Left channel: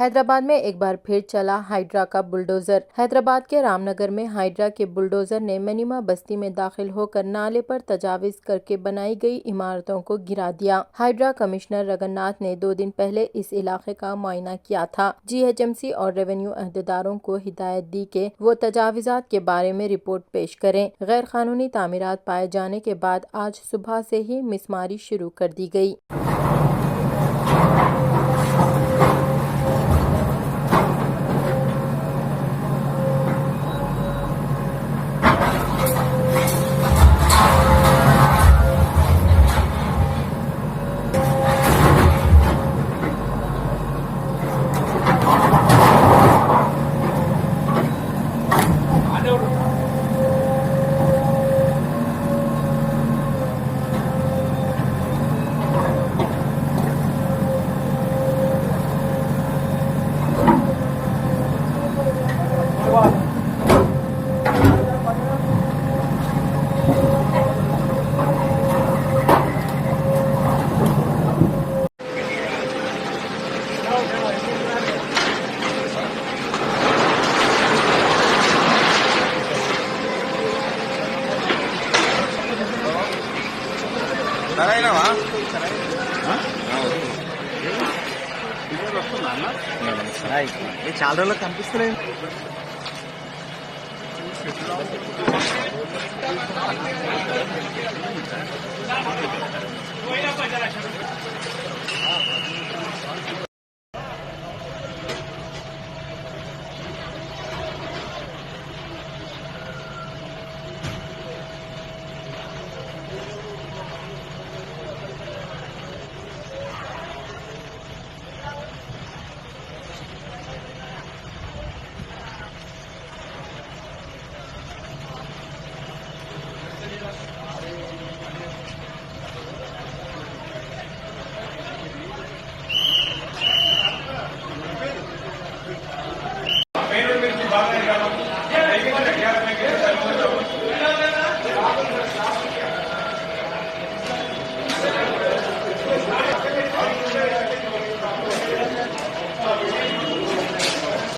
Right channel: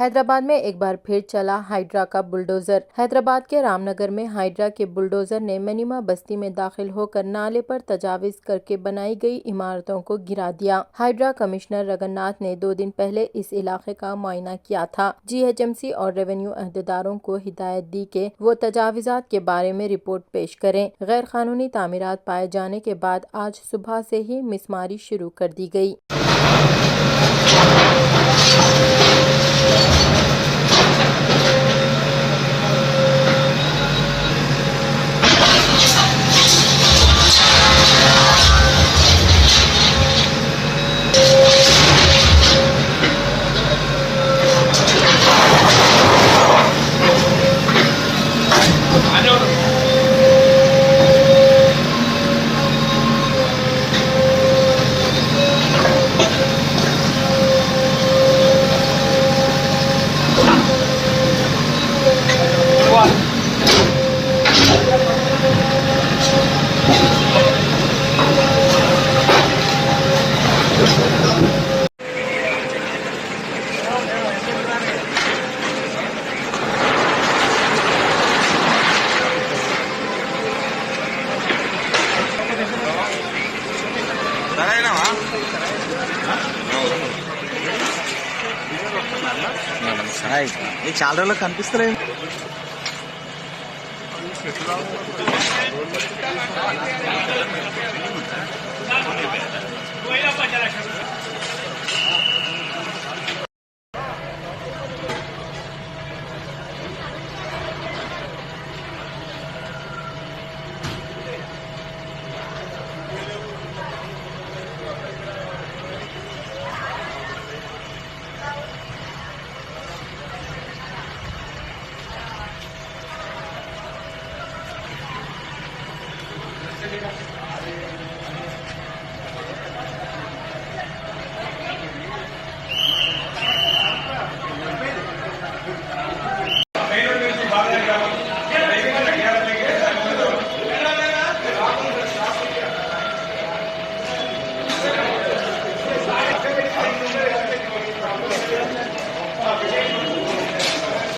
हैदराबाद में एक बार फिर चला हाइड्रा का बुलडोजर। हैदराबाद के रामनगर में हाइड्रा के बुलडोजर ने मनीमा बस्ती में दाखिल होकर नाले पर तजाविज करके बनाई गई इमारतों को गिरा दिया। हाइड्रा कमिश्नर रगन्नाथ ने 2 दिन पहले इस इलाके का मुआयना किया था। जीएचएमसी और रेवेन्यू अहदेदारों को हिदायत दी कि वो तजाविजात के बारे में रिपोर्ट पेश करें। गैर कानूनी तामीरात पाए जाने के बाद आज सुबह से ही मिसमारी शुरू कर दी गई। చాలా రోజులు కనిపిస్తున్నాయి.